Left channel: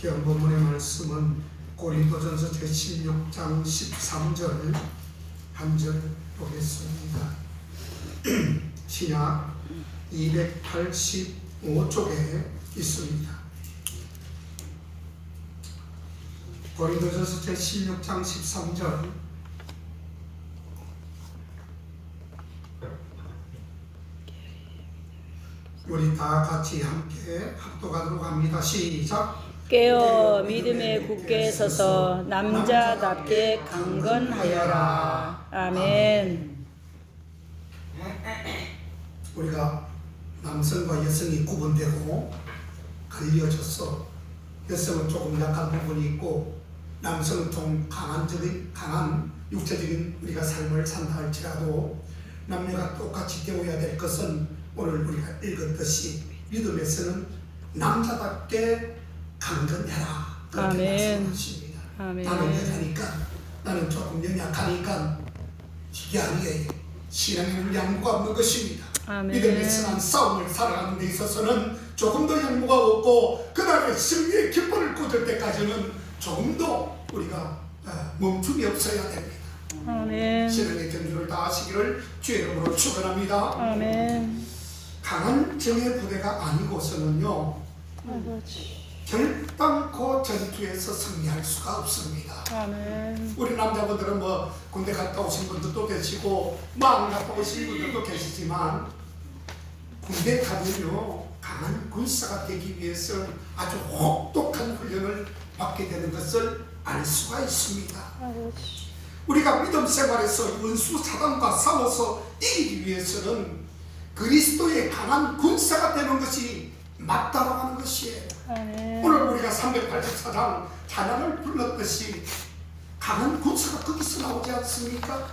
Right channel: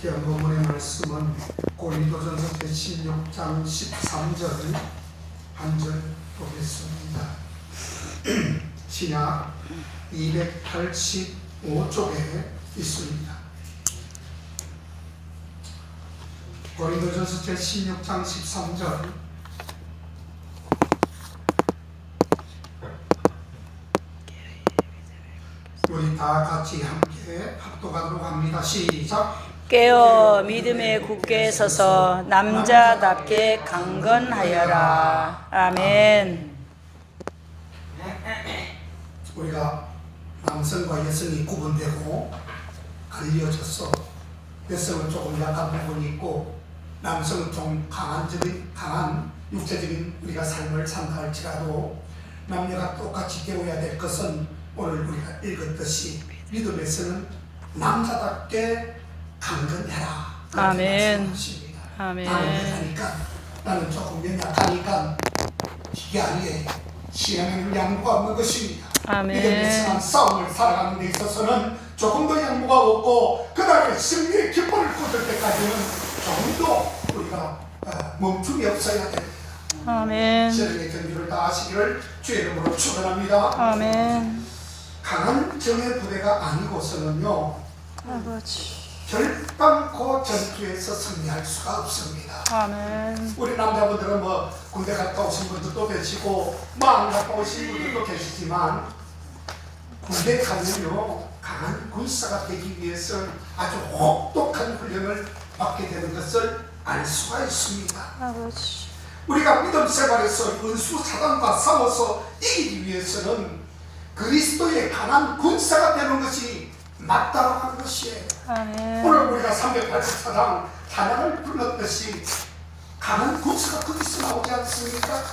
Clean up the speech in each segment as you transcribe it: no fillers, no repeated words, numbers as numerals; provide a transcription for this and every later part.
기한 본문의 말씀은 고린도전서 제16장 13절 한 절 보겠습니다. 신약 285쪽에 있습니다. 고린도전서 제16장 13절 우리 다 같이 함께 합독하도록 합니다. 시작. 깨어 믿음에 굳게 서서 남자답게 강건하여라. 아멘. 우리가 남성과 여성이 구분되고 갈려져서 여성은 조금 약한 부분이 있고 남성은 좀 강한 육체적인 우리가 삶을 산다 할지라도 남녀가 똑같이 되어야 될 것은 오늘 우리가 읽었듯이 믿음에서는 남자답게 강건해라. 아멘. 아멘. 나는 약하니까, 나는 조금 연약하니까 이게 아니에요. 신앙에는 양보가 없는 것입니다. 아멘. 믿음에서만 싸움을 살아가는 데 있어서는 조금 더 양보가 없고 그 다음에 승리의 깃발을 꽂을 때까지는 좀 더 우리가 멈춤이 없어야 됩니다. 아멘. 신앙의 경주를 다 하시기를 주의 이름으로 축원합니다. 아멘. 강한 정의 부대가 아니고서는요 아버지. 결단코 전투에서 승리할 수가 없습니다. 아멘. 우리 남자분들은 뭐 군대 갔다 오신 분들도 계시고 뭐 안 갔다 오신 분들도 계시지만 군대 가면요 강한 군사가 되기 위해서 아주 혹독한 훈련을 받게 되는 것을 알 수가 있습니다. 아버지. 우리가 믿음 생활에서 원수 사단과 싸워서 이기기 위해서는 그리스도의 강한 군사가 되는 것이 맞다고 하는 것이에요. 아멘. 오늘 우리가 384장 찬양을 불렀듯이 강한 군사가 거기서 나오지 않습니까?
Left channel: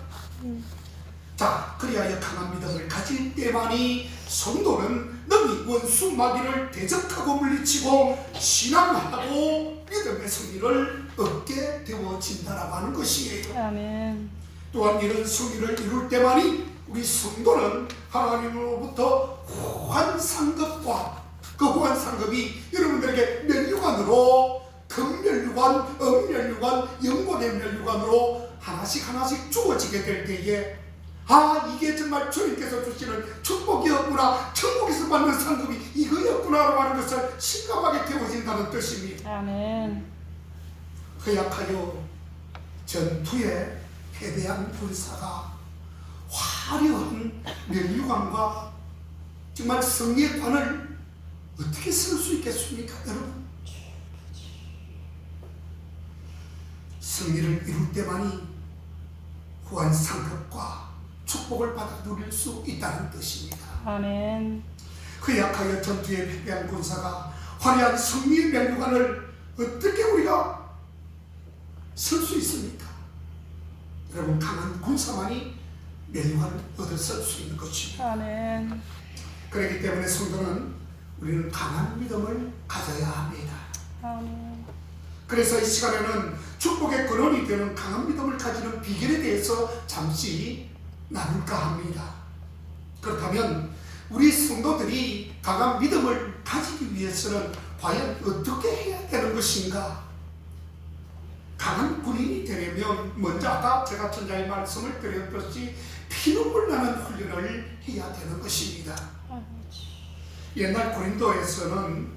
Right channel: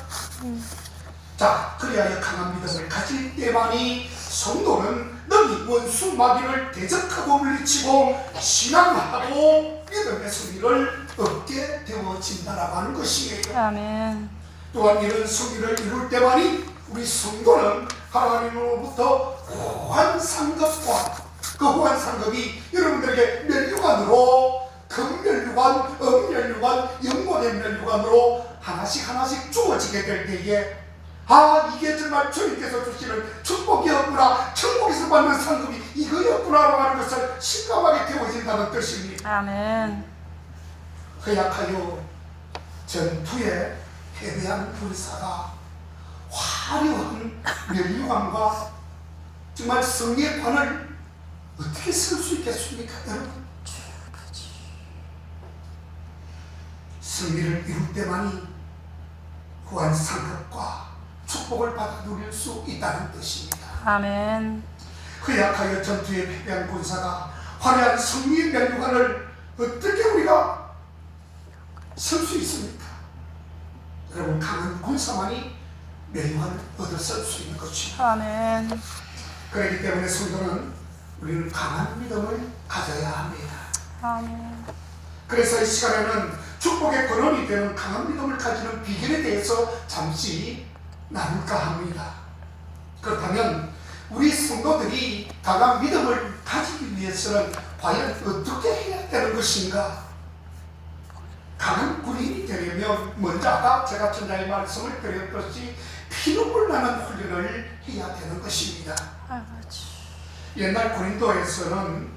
자, 그리하여 강한 믿음을 가질 때만이 성도는 능히 원수 마귀를 대적하고 물리치고 신앙하고 믿음의 승리를 얻게 되어진다라고 하는 것이에요. 아멘. 또한 이런 승리를 이룰 때만이 우리 성도는 하나님으로부터 후한 상급과 그 후한 상급이 여러분들에게 면류관으로 금면류관, 음면류관, 영혼의 면류관으로 하나씩 주어지게 될 때에 이게 정말 주님께서 주시는 축복이었구나, 천국에서 받는 상급이 이거였구나라고 하는 것을 실감하게 되어진다는 뜻입니다. 아멘. 허약하여 전투에 패배한 군사가 화려한 면류관과 정말 승리의 관을 어떻게 쓸 수 있겠습니까, 여러분? 승리를 이룰 때만이 후한 상급과 축복을 받아 누릴 수 있다는 뜻입니다. 아멘. 허약하여 전투에 패배한 군사가 화려한 승리의 면류관을 어떻게 우리가 쓸 수 있습니까? 여러분, 강한 군사만이 면류관을 얻어 쓸 수 있는 것입니다. 아멘. 그렇기 때문에 성도는 우리는 강한 믿음을 가져야 합니다. 아멘. 그래서 이 시간에는 축복의 근원이 되는 강한 믿음을 가지는 비결에 대해서 잠시 나눌까 합니다. 그렇다면 우리 성도들이 강한 믿음을 가지기 위해서는 과연 어떻게 해야 되는 것인가? 강한 군인이 되려면 먼저 아까 제가 전자의 말씀을 드렸듯이 피눈물 나는 훈련을 해야 되는 것입니다. 아버지. 옛날 고린도에서는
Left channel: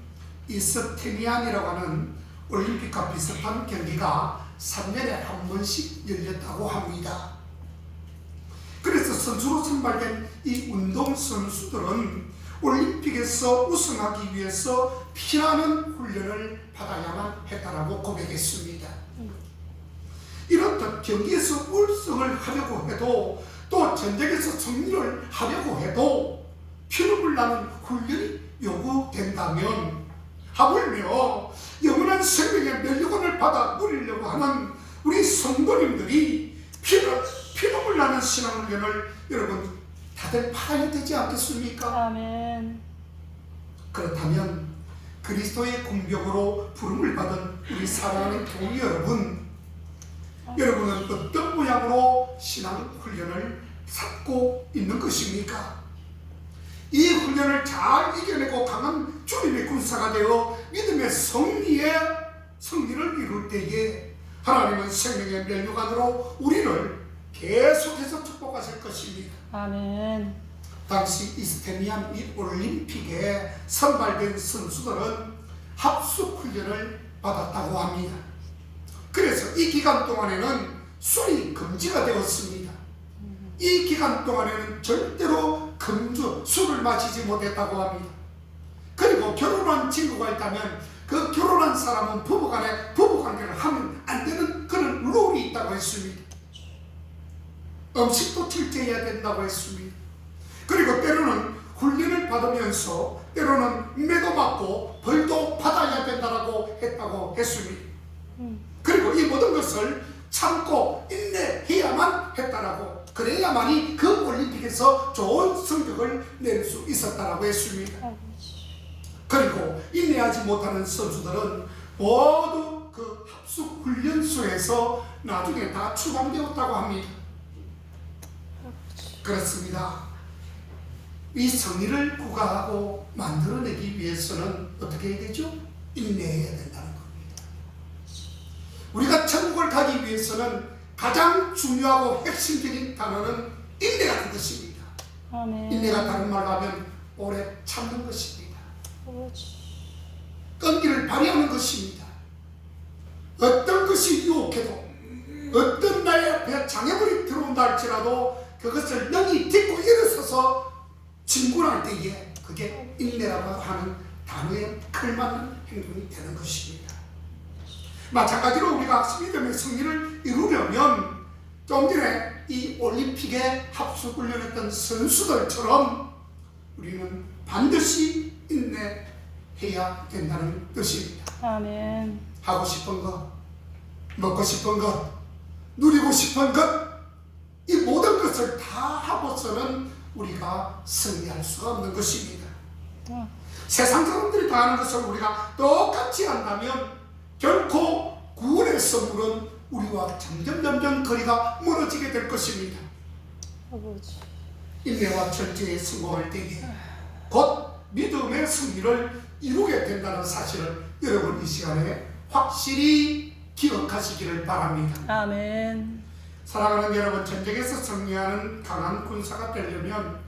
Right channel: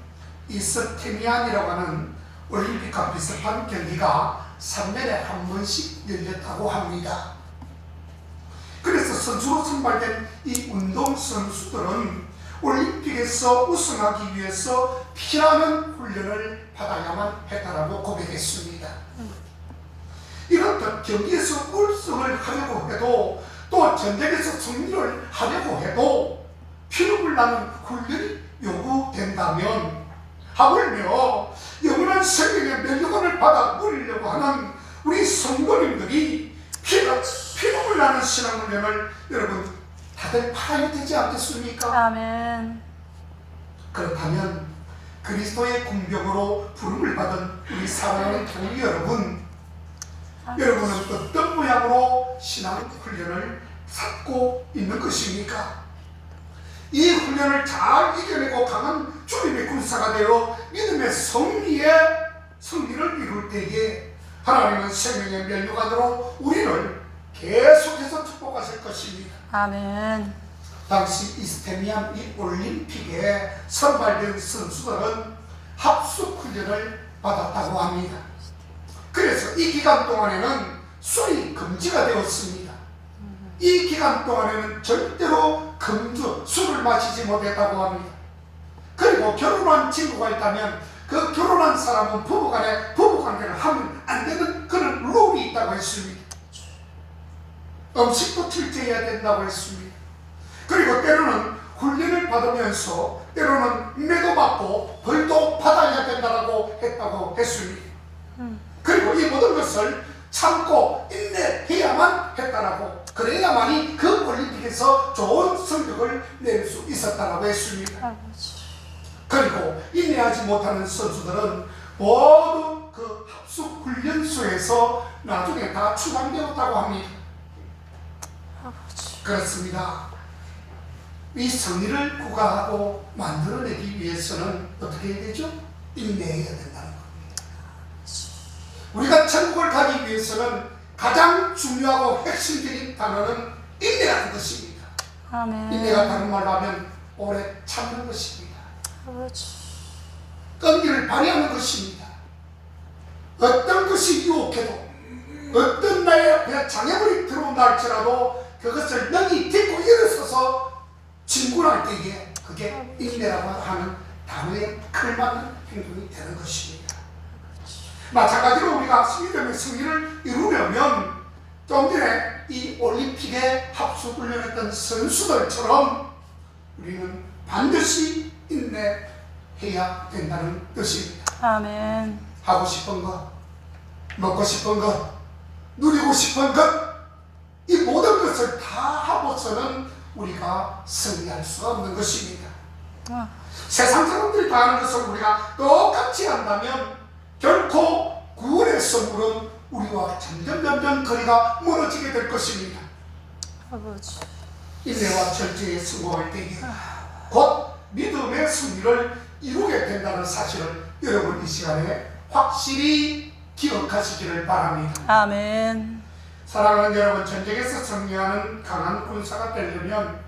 이스테미안이라고 하는 올림픽과 비슷한 경기가 3년에 한 번씩 열렸다고 합니다. 그래서 선수로 선발된 이 운동선수들은 올림픽에서 우승하기 위해서 피나는 훈련을 받아야만 했다라고 고백했습니다. 이렇듯 경기에서 우승을 하려고 해도 또 전쟁에서 승리를 하려고 해도 피눈물 나는 훈련이 요구된다면 하물며 영원한 생명의 면류관을 받아 누리려고 하는 우리 성도님들이 피눈물 나는 신앙훈련을 여러분 다들 팔아야 되지 않겠습니까? 아멘. 그렇다면 그리스도의 공병으로 부름을 받은 우리 사랑하는 교우 여러분, 여러분은 어떤 모양으로 신앙훈련을 쌓고 있는 것입니까? 이 훈련을 잘 이겨내고 강한 주님의 군사가 되어 믿음의 승리에 승리를 이룰 때에 하나님은 생명의 면류관으로 우리를 계속해서 축복하실 것입니다. 아멘. 당시 이스테미안 이 올림픽에 선발된 선수들은 합숙 훈련을 받았다고 합니다. 그래서 이 기간 동안에는 술이 금지가 되었습니다. 이 기간 동안에는 절대로 술을 마시지 못했다고 합니다. 그리고 결혼한 친구가 있다면 그 결혼한 사람은 부부간에 부부관계를 하면 안 되는 그런 룰이 있다고 했습니다. 음식도 철저해야 된다고 했습니다. 그리고 때로는 훈련을 받으면서 때로는 매도 받고 벌도 받아야 된다고 했다고 했습니다. 그리고 이 모든 것을 참고 인내해야만 했다라고, 그래야만이 그 올림픽에서 좋은 성적을 낼 수 있었다라고 했습니다. 아버지. 그리고 인내하지 못하는 선수들은 모두 그 합숙 훈련소에서 나중에 다 추방되었다고 합니다. 아버지. 그렇습니다. 이 성리를 구가하고 만들어내기 위해서는 어떻게 해야 되죠? 인내해야 된다는 겁니다. 우리가 천국을 가기 위해서는 가장 중요하고 핵심적인 단어는 인내하는 것입니다. 아멘. 인내가 다른 말로 하면 오래 참는 것입니다. 아버지. 끈기를 발휘하는 것입니다. 어떤 것이 유혹해도, 어떤 나의 앞에 장애물이 들어온다 할지라도 그것을 능히 딛고 일어서서 진군할 때에 그게 인내라고 하는 단어에 걸맞는 행동이 되는 것입니다. 마찬가지로 우리가 믿음의 승리를 이루려면 좀 전에 이 올림픽에 합숙훈련했던 선수들처럼 우리는 반드시 인내해야 된다는 뜻입니다. 아멘. 하고 싶은 것, 먹고 싶은 것, 누리고 싶은 것, 이 모든 것을 다 하고서는 우리가 승리할 수 없는 것입니다. 세상 사람들이 다 하는 것을 우리가 똑같이 한다면 결코 구원의 선물은 우리와 점점 거리가 멀어지게 될 것입니다. 아버지. 인내와 절제에 성공할 때에 곧 믿음의 승리를 이루게 된다는 사실을 여러분 이 시간에 확실히 기억하시기를 바랍니다. 아멘. 사랑하는 여러분, 전쟁에서 승리하는 강한 군사가 되려면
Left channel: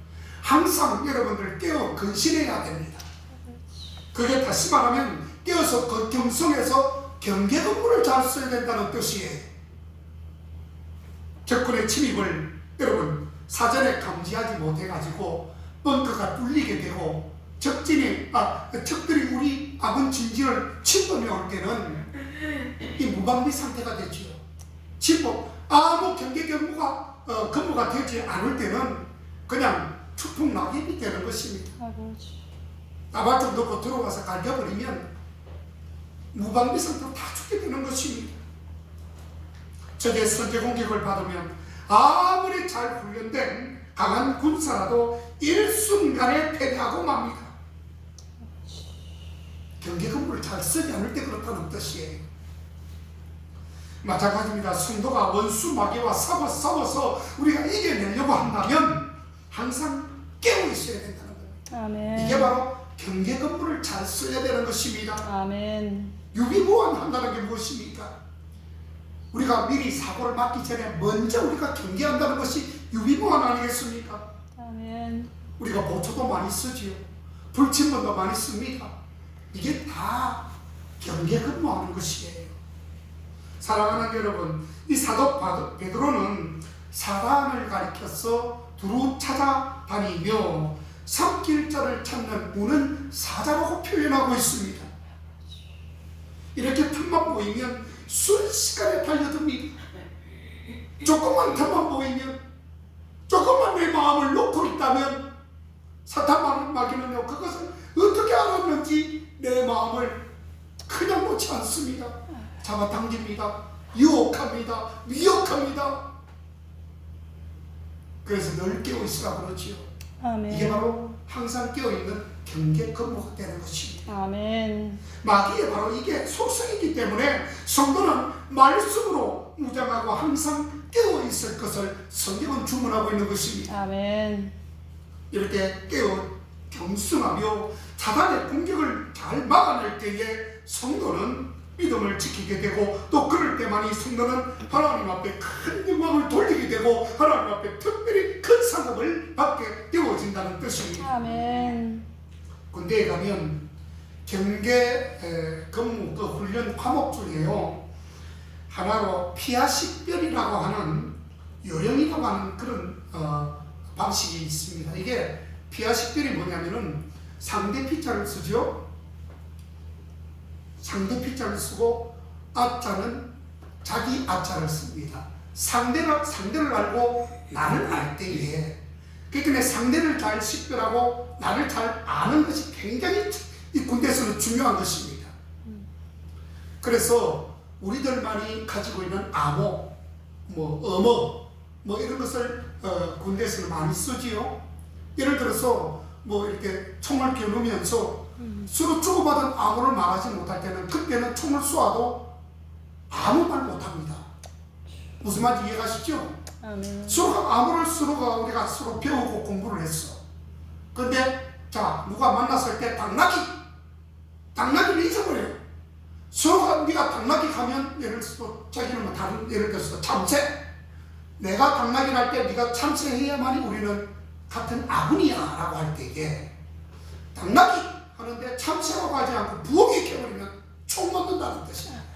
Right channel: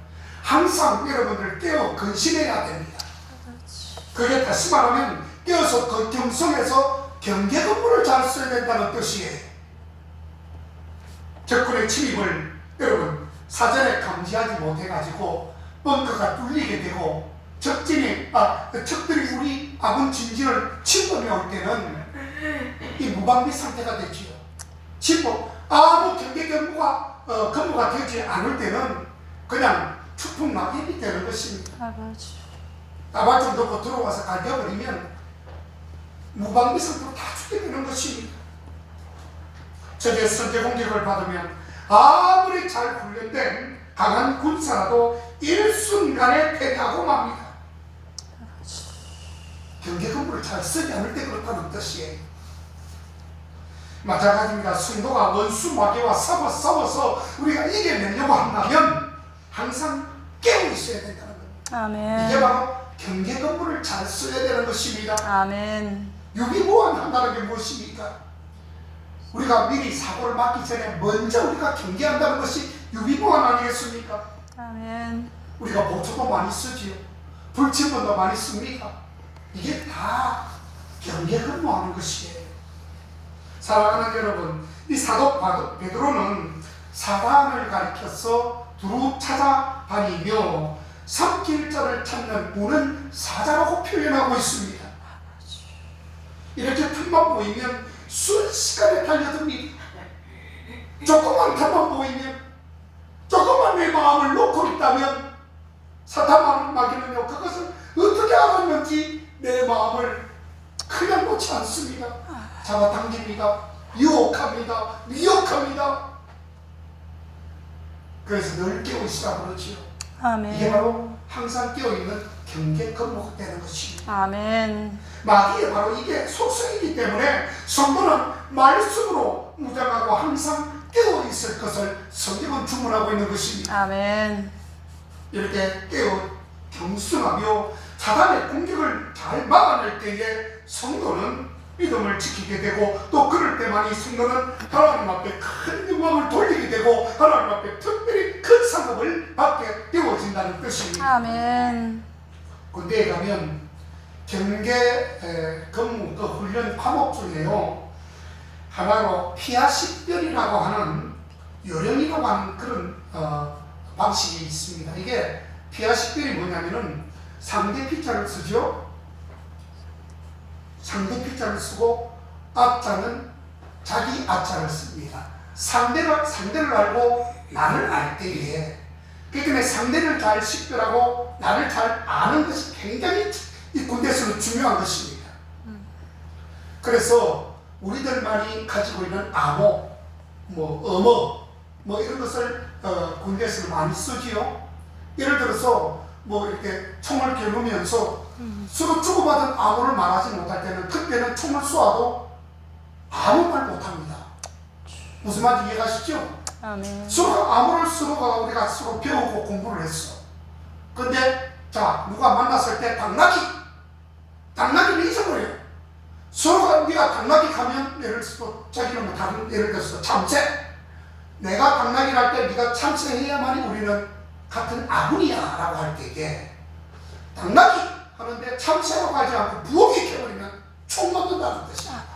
항상 여러분들 깨어 근신해야 됩니다. 그게 다시 말하면 깨어서 그 경성에서 경계 근무를 잘 써야 된다는 뜻이에요. 적군의 침입을 여러분 사전에 감지하지 못해가지고 벙커가 뚫리게 되고 적들이 우리 아군 진진을 침범해 올 때는 이 무방비 상태가 되지요. 아무 경계 근무가 되지 않을 때는 그냥 추풍 낙엽이 되는 것입니다. 아버지. 따발좀 넣고 들어와서 갈겨버리면 무방비 상태로 다 죽게 되는 것입니다. 적의 선제 공격을 받으면 아무리 잘 훈련된 강한 군사라도 일순간에 패배하고 맙니다. 경계 근무를 잘 쓰지 않을 때 그렇다는 뜻이에요. 마찬가지입니다. 성도가 원수 마귀와 싸워서 우리가 이겨내려고 한다면 항상 깨어 있어야 된다는 겁니다. 아멘. 이게 바로 경계 근무를 잘 써야 되는 것입니다. 아멘. 유비무환한다는 게 무엇입니까? 우리가 미리 사고를 막기 전에 먼저 우리가 경계한다는 것이 유비무환 아니겠습니까? 아멘. 우리가 보초도 많이 쓰지요. 불침번도 많이 씁니다. 이게 다 경계 근무하는 것이에요. 사랑하는 여러분, 이 사도 베드로는 사단을 가리켜서 두루 찾아다니며 삼킬 자를 찾는 문은 사자라고 표현하고 있습니다. 이렇게 틈만 보이면 순식간에 달려듭니다. 조금만 틈만 보이면, 조금만 내 마음을 놓고 있다면 사탄 마귀는요, 그것을 어떻게 알았는지 내 마음을 그냥 놓지 않습니다. 잡아당깁니다. 유혹합니다. 미혹합니다. 그래서 늘 깨어있으라 그러지요. 아멘. 이게 바로 항상 깨어있는 경계 근무가 되는 것입니다. 아멘. 마귀의 바로 이게 속성이기 때문에 성도는 말씀으로 무장하고 항상 깨어있을 것을 성경은 주문하고 있는 것입니다. 아멘. 이렇게 깨어 경순하며 사단의 공격을 잘 막아낼 때에 성도는 믿음을 지키게 되고 또 그럴 때만 이 성도는 하나님 앞에 큰 영광을 돌리게 되고 하나님 앞에 특별히 큰 상급을 받게 되어진다는 뜻입니다. 아멘. 군대에 가면 경계 근무 그 훈련 과목 중에요 하나로 피아식별이라고 하는 요령이라고 하는 그런 방식이 있습니다. 이게 피아식별이 뭐냐면은 상대 피자를 쓰죠. 상대 피자를 쓰고 앞자는 자기 앞자를 씁니다. 상대를 알고 나를 알 때에 그러니까 상대를 잘 식별하고 나를 잘 아는 것이 굉장히 이 군대에서는 중요한 것입니다. 그래서 우리들만이 가지고 있는 암호, 어머, 이런 것을 군대에서는 많이 쓰지요. 예를 들어서 이렇게 총을 겨누면서 서로 주고받은 암호를 말하지 못할 때는 그때는 총을 쏘아도 아무 말 못합니다. 무슨 말인지 이해가시죠? 아멘. 서로 암호를 서로가 우리가 서로 배우고 공부를 했어. 근데 자 누가 만났을 때 당나귀를 잊어버려요. 서로가 네가 당나귀 가면 예를 들어서 자기는 다른 예를 들어서 참새. 내가 당나귀를 할 때 네가 참새해야만이 우리는 같은 아군이야라고 할 때에 당나귀 하는데 참새라고 하지 않고 부엌에 켜버리면 총 맞는다는 뜻이야.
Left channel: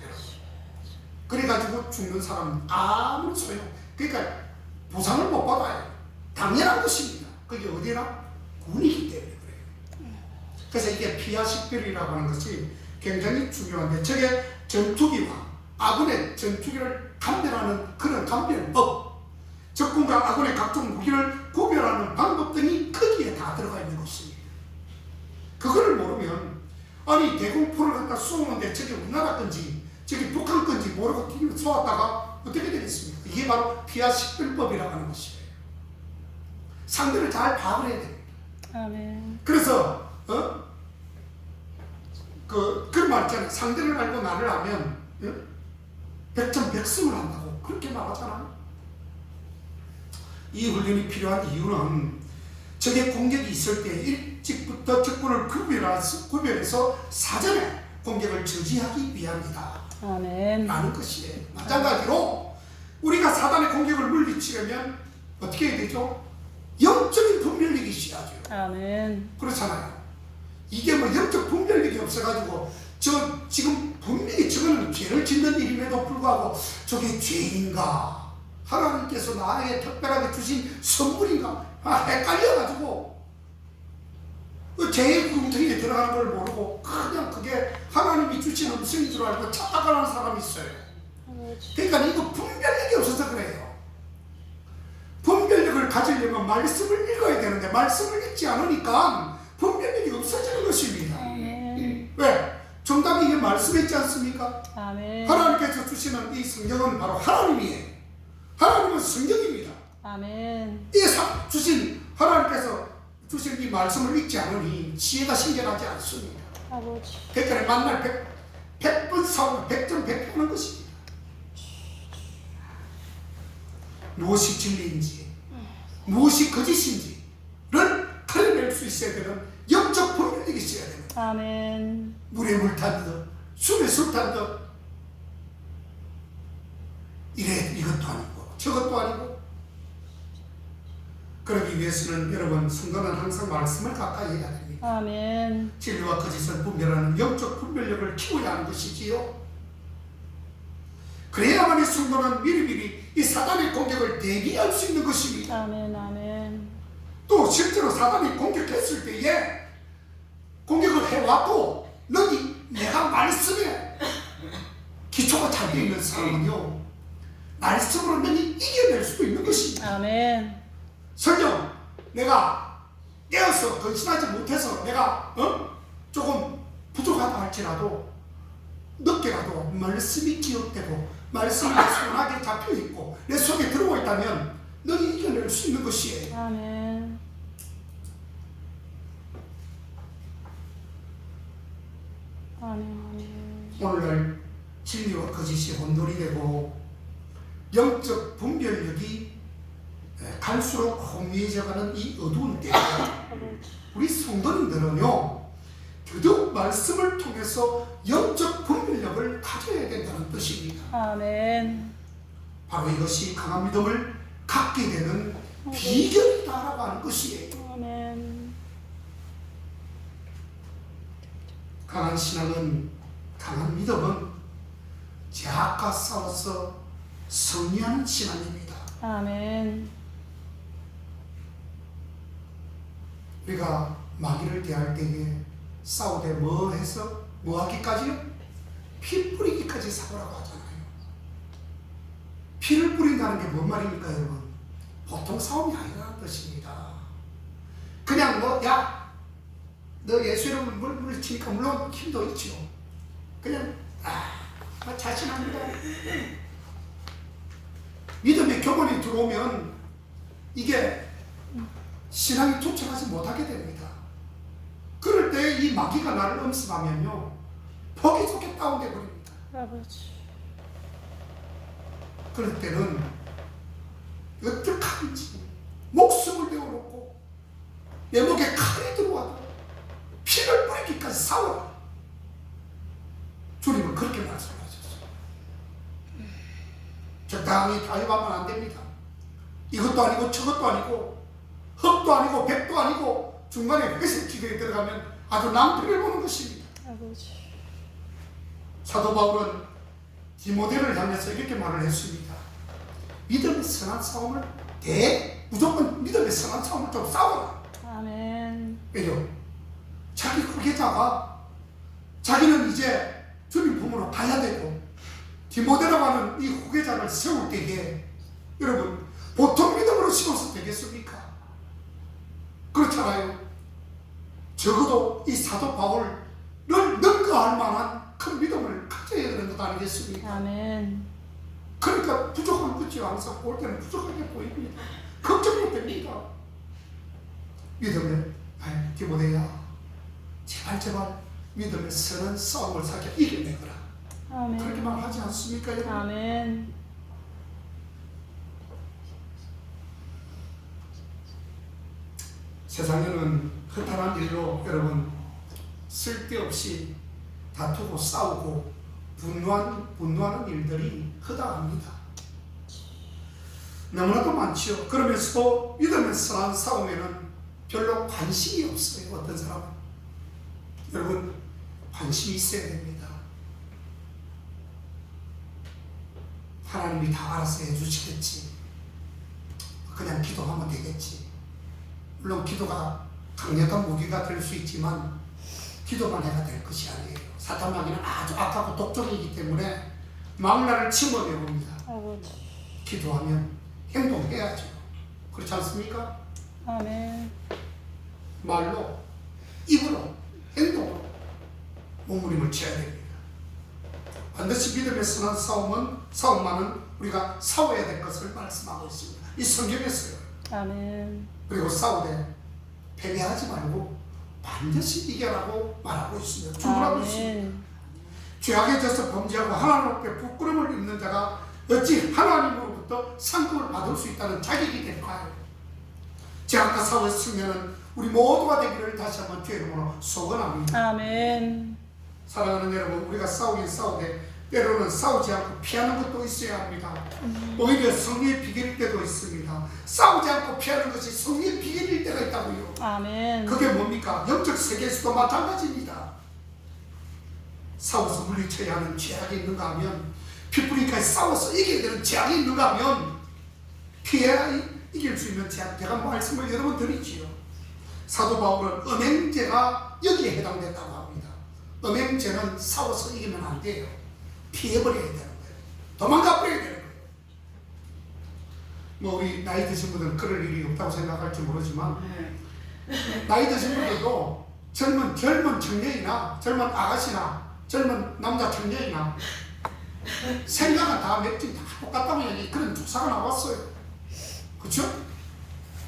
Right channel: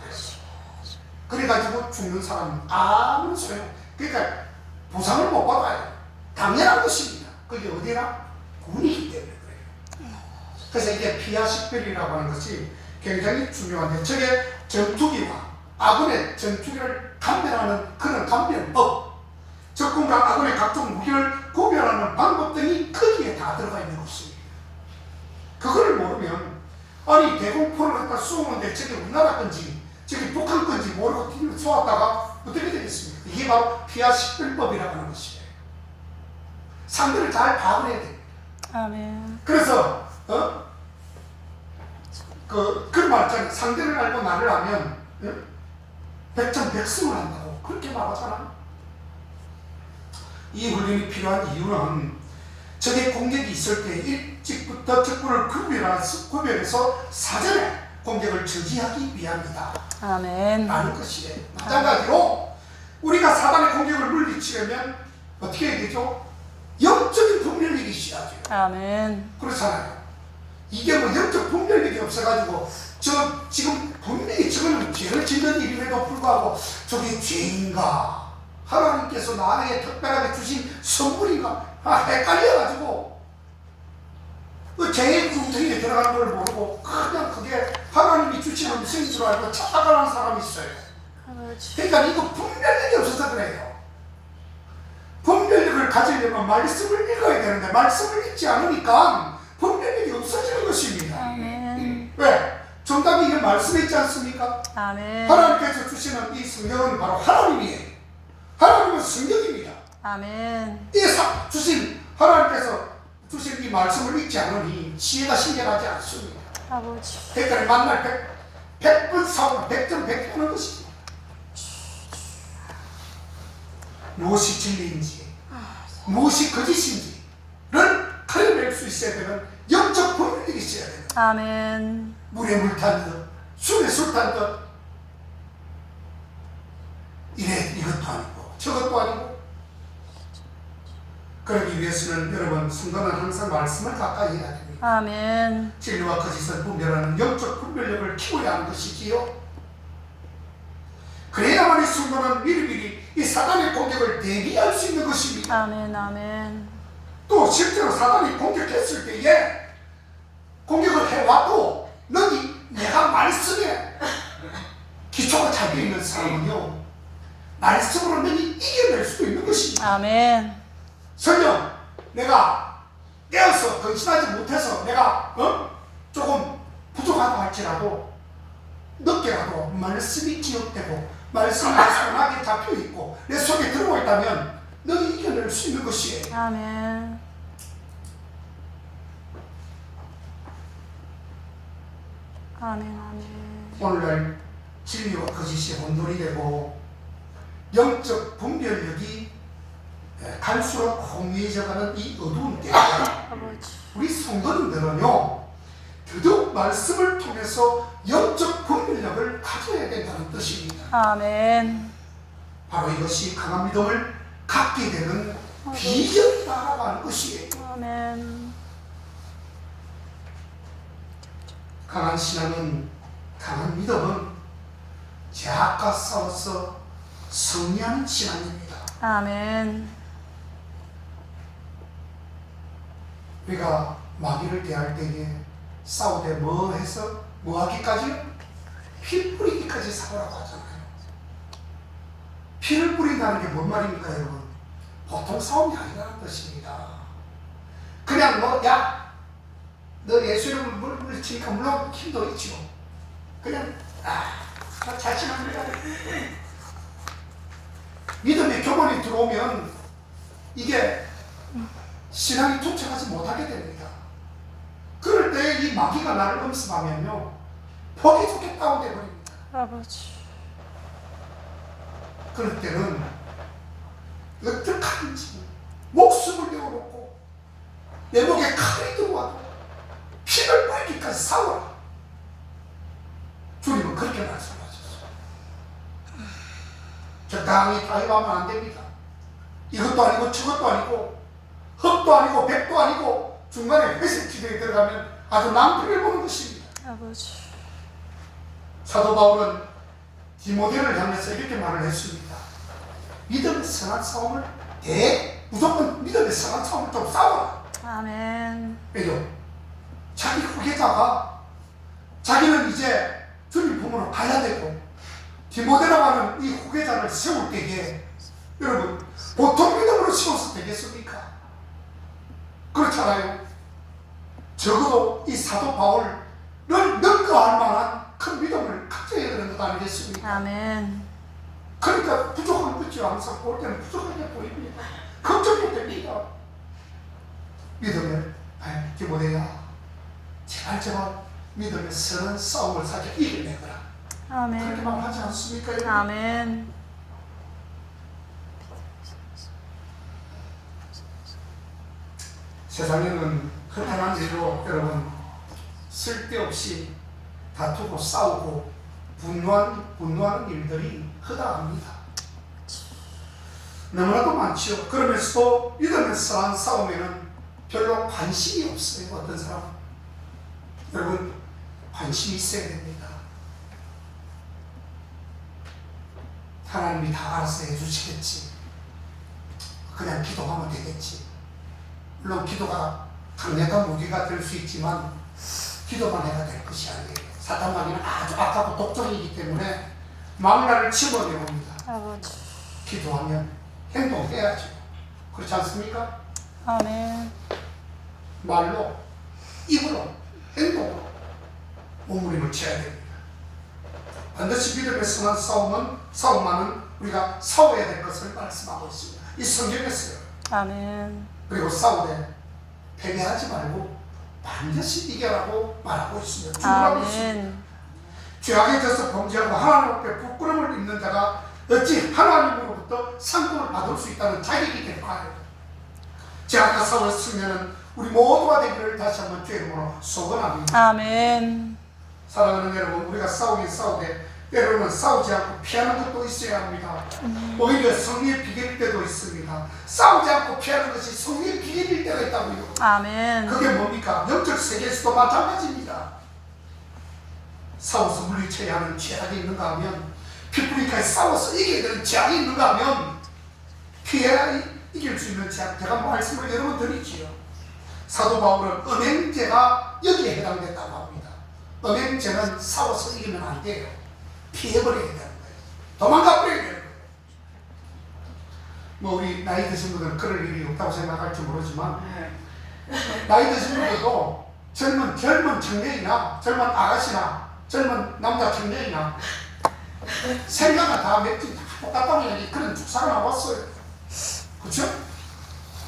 그래가지고 죽는 사람은 아무런 소용. 그러니까 보상을 못 받아요. 당연한 것입니다. 그게 어디나 군이기 때문에 그래요. 그래서 이게 피아식별이라고 하는 것이 굉장히 중요한데 저게 전투기와 아군의 전투기를 감별하는 그런 감별법, 적군과 아군의 각종 무기를 구별하는 방법 등이 거기에 다 들어가 있는 것입니다. 그거를 모르면 아니 대공포를 갖다 쏘는데 저게 우리나라 건지 저게 북한 건지 모르고 뒤로 쏘았다가 어떻게 되겠습니까? 이게 바로 피아식별법이라고 하는 것이에요. 상대를 잘 파악을 해야 됩니다. 아멘. 그래서 그런 말 있잖아요. 상대를 알고 나를 알면 백전백승을 한다고 그렇게 말하잖아요. 이 훈련이 필요한 이유는 적의 공격이 있을 때 일찍부터 적군을 구별해서 사전에 공격을 저지하기 위함이다. 아멘. 라는 것이에요. 마찬가지로 우리가 사단의 공격을 물리치려면 어떻게 해야 되죠? 영적인 분별력이 있어야죠. 아멘. 그렇잖아요. 이게 영적 분별력이 없어가지고 지금 분명히 저거는 죄를 짓는 일임에도 불구하고 저게 죄인가 하나님께서 나에게 특별하게 주신 선물인가 헷갈려가지고 그 죄의 궁정에 들어가는 걸 모르고 그냥 그게 하나님이 주신 음성인 줄 알고 착각하는 사람이 있어요. 그러니까 이거 분별력이 없어서 그래요. 분별력을 가지려면 말씀을 읽어야 되는데 말씀을 읽지 않으니까 분별력이 없어지는 것입니다. 아멘. 왜? 정답이 이 말씀에 있지 않습니까? 아멘. 하나님께서 주시는 이 성경은 바로 하나님이에요. 하나님은 성경입니다. 아멘. 주신 하나님께서 주신 이 말씀을 읽지 않으니 지혜가 신경하지 않습니다. 아버지. 그러니까 만날 100번 사고 100점 100개 하는 것입니다. 무엇이 진리인지 무엇이 거짓인지를 가려낼 수 있어야 되는 영적 분별력이 있어야 됩니다. 아멘. 물에 물 탄 듯 술에 술 탄 듯 이것도 아니고 저것도 아니고 그러기 위해서는 여러분 성도는 항상 말씀을 가까이 해야 됩니다. 아멘. 진리와 거짓을 분별하는 영적 분별력을 키워야 하는 것이지요. 그래야만 이 성도는 미리미리 이 사단의 공격을 대비할 수 있는 것입니다. 아멘. 아멘. 또 실제로 사단이 공격했을 때에 공격을 해왔고 내가 말씀에 기초가 잡혀 있는 사람은요 말씀으로 너희 이겨낼 수 있는 것입니다. 아멘. 설령 내가 깨어서 건신하지 못해서 내가 조금 부족하다 할지라도 늦게라도 말씀이 기억되고 말씀이 손하게 잡혀있고 내 속에 들어와 있다면 너희 이겨낼 수 있는 것이에요. 아멘. 아멘. 아멘. 오늘날 진리와 거짓이 혼돈이 되고 영적 분별력이 갈수록 혼미해져가는 이 어두운 때에 아버지. 우리 성도님들은요 더더욱 말씀을 통해서 영적 분별력을 가져 아멘. 바로 이것이 강한 믿음을 갖게 되는 비결이라고 하는 것이에요. 아멘. 강한 신앙은, 강한 믿음은 죄악과 싸워서 승리하는 신앙입니다. 아멘. 우리가 마귀를 대할 때에 싸우되 뭐 해서 뭐 하기까지요? 피 뿌리기까지 싸우라고 하잖아요. 피를 뿌린다는 게 뭔 말입니까, 여러분? 보통 싸움이 아니라는 것입니다. 그냥 너 예수 이름을 물리치니까 물론 힘도 있죠. 그냥 나 자신합니다. 믿음의 교본이 들어오면 이게 신앙이 투철하지 못하게 됩니다. 그럴 때 이 마귀가 나를 엄습하면요, 보기 좋게 다운돼 버립니다. 아버지. 그럴 때는 어떻게 하는지 목숨을 내어놓고 내 목에 칼이 들어와도 피를 빨기까지 싸워라. 주님은 그렇게 말씀하셨어요. 적당히 타협하면 안 됩니다. 이것도 아니고 저것도 아니고 흙도 아니고 백도 아니고 중간에 회색 지대에 들어가면 아주 낭패를 보는 것입니다. 아버지. 사도 바울은 디모데를 향해서 이렇게 말을 했습니다. 믿음의 선한 싸움을 무조건 믿음의 선한 싸움을 좀 싸워라. 아멘. 왜요? 자기 후계자가 자기는 이제 주님 품으로 가야 되고 디모데라고 하는 이 후계자를 세울 때에 여러분 보통 믿음으로 세워서 되겠습니까? 그렇잖아요. 적어도 이 사도 바울을 능가할 만한 큰 믿음을 가져야 되는 것 아니겠습니까? 아멘. 그러니까 부족한 거지. 항상 볼 때는 부족하게 보입니다. 걱정도 됩니다. 믿음을 디모데야, 제발 믿음의 선한 싸움을 사게 이겨내거라. 아멘. 그렇게 말하지 않습니까, 여러분? 아멘. 세상에는 허탄한 일로 여러분 쓸데없이 다투고 싸우고 분노하는 일들이 허다합니다. 너무나도 많죠. 그러면서도 믿음의 선한 싸움에는 별로 관심이 없어요. 어떤 사람은. 여러분 관심이 있어야 됩니다. 하나님이 다 알아서 해주시겠지. 그냥 기도하면 되겠지. 물론 기도가 강력한 무기가 될 수 있지만 기도만 해야 될 것이 아니에요. 사탄 마귀는 아주 악하고 독종이기 때문에 망나를 집어내봅니다. 아버지. 기도하면 행동해야죠. 그렇지 않습니까? 아멘. 말로, 입으로, 행동으로 몸부림을 쳐야 됩니다. 반드시 믿음의 선한 싸움만은 우리가 싸워야 될 것을 말씀하고 있습니다. 이 성경에서요. 아멘. 그리고 싸우되 패배하지 말고 반드시 이겨라고 말하고 있습니다. 주라고 있습니다. 아멘. 죄악에 져서 범죄하고 하나님 앞에 부끄러움을 입는 자가 어찌 하나님으로부터 상급을 받을 수 있다는 자격이 될까요? 죄악과 싸웠으면 우리 모두가 되기를 다시 한번 주의 이름으로 소원합니다. 아멘. 사랑하는 여러분, 우리가 싸우긴 싸우되 때로는 싸우지 않고 피하는 것도 있어야 합니다. 오히려 성리의 비결일 때도 있습니다. 싸우지 않고 피하는 것이 성리의 비결일 때가 있다고요. 아멘. 그게 뭡니까? 영적 세계에서도 마찬가지입니다. 싸워서 물리쳐야 하는 죄악이 있는가 하면, 피부리까지 싸워서 이겨야 되는 죄악이 있는가 하면 피해야 이길 수 있는 죄악. 제가 말씀을 여러 번 드리지요. 사도 바울은 음행죄가 여기에 해당됐다고 합니다. 음행죄는 싸워서 이기면 안 돼요. 피해버려야 되는 거예요. 도망가버려야 되는 거예요. 뭐 우리 나이 드신 분들은 그럴 일이 없다고 생각할지 모르지만 나이 드신 분들도 젊은 청년이나 젊은 아가씨나 젊은 남자 청년이나 생각은 다 맺지 똑같다면 그런 축사가 나왔어요. 그렇죠?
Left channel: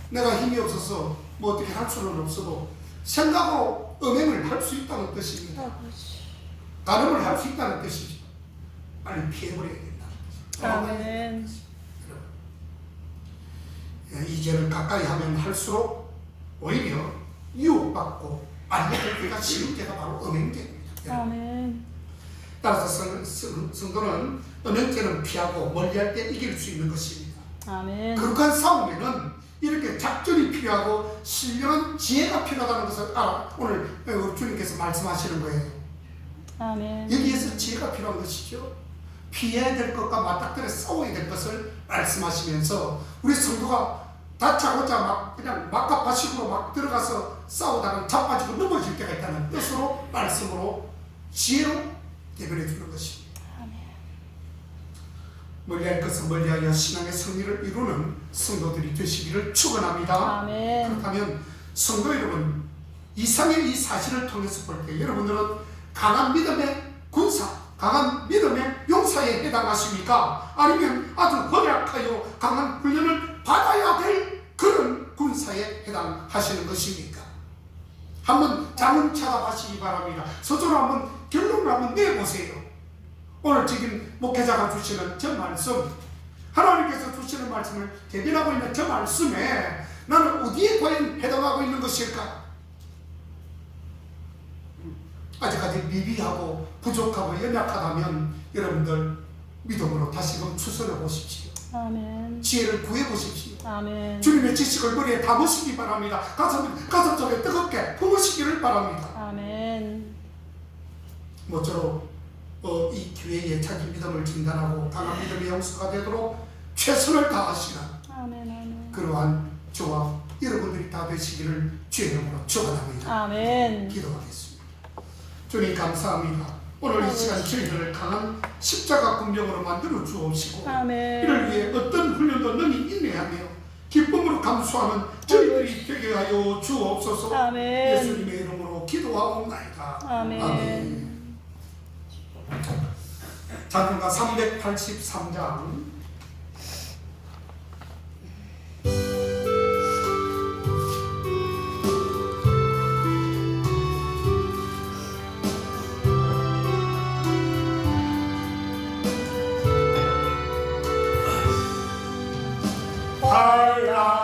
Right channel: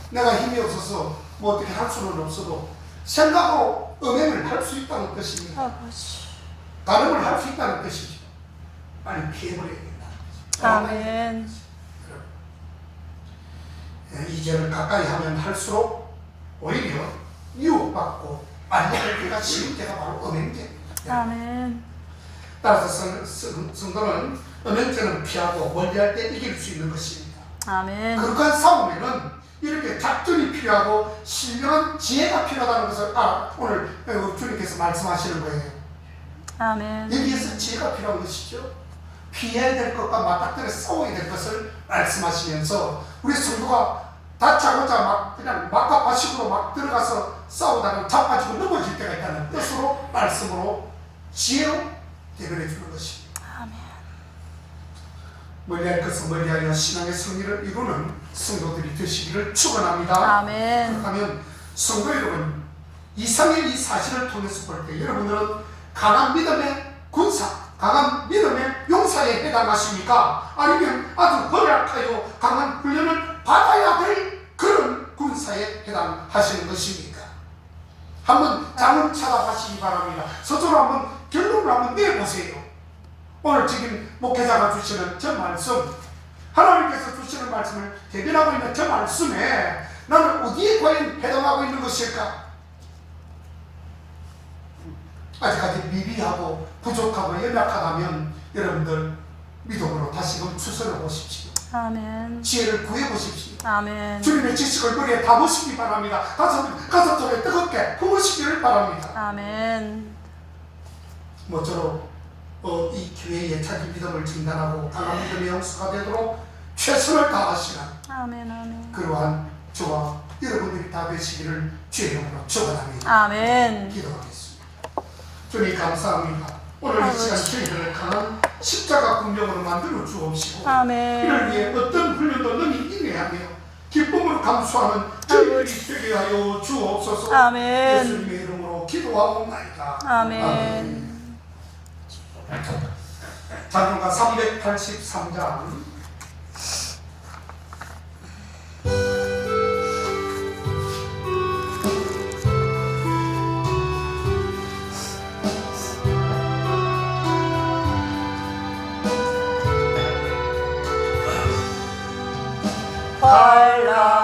내가 힘이 없어서 뭐 어떻게 할 수는 없어도 생각으로 음행을 할 수 있다는 뜻입니다. 아버지. 다름을 할 수 있다는 뜻이죠. 빨리 피해버려야 된다. 아멘. 이 죄를 가까이 하면 할수록 오히려 유혹받고 만약에 그가 지은 죄가 바로 음행죄입니다. 아멘. 따라서 성도는 은연제는 피하고 멀리할 때 이길 수 있는 것입니다. 아멘. 극한 싸움에는 이렇게 작전이 필요하고 신령한 지혜가 필요하다는 것을 오늘 주님께서 말씀하시는 거예요. 아멘. 여기에서 지혜가 필요한 것이죠. 피해야 될 것과 맞닥뜨려 싸워야 될 것을 말씀하시면서 우리 성도가 다짜고짜 막 그냥 막가파식으로 막 들어가서 싸우다가 자빠지고 넘어질 때가 있다는 뜻으로 말씀으로 지혜로 대변해 주는 것입니다. 멀리할 것은 멀리하여 신앙의 승리를 이루는 성도들이 되시기를 축원합니다. 아멘. 그렇다면 성도 여러분, 이상의 이 사실을 통해서 볼 때 여러분들은 강한 믿음의 군사, 강한 믿음의 용사에 해당하십니까? 아니면 아주 허약하여 강한 훈련을 받아야 될 그런 군사에 해당하시는 것입니까? 한번 잠을 찾아가시기 바랍니다. 스스로 한번 결론을 한번 내보세요. 오늘 지금 목회자가 주시는 저 말씀, 하나님께서 주시는 말씀을 대변하고 있는 저 말씀에 나는 어디에 과연 해당하고 있는 것일까? 아직까지 미비하고 부족하고 연약하다면 여러분들 믿음으로 다시금 추스려 보십시오. 아멘. 지혜를 구해 보십시오. 아멘. 주님의 지식을 머리에 담으시기 바랍니다. 가슴 속에 뜨겁게 품으시기를 바랍니다. 아멘. 모쪼록 이 교회의 차기 믿음을 진단하고 강한 믿음의 영수가 되도록 최선을 다하시는 아멘. 아멘. 그러한 저와 여러분들이 다 되시기를 주의 이름으로 축원합니다. 아멘. 기도하겠습니다. 주님 감사합니다. 오늘 이 시간 저희들을 강한 십자가 군병으로 만들어 주옵시고 아멘. 이를 위해 어떤 훈련도 능히 인내하며 기쁨으로 감수하는 저희들이 되게 하여 주옵소서. 아멘. 예수님의 이름으로 기도하옵나이다. 아멘. 찬송가 383장 헐라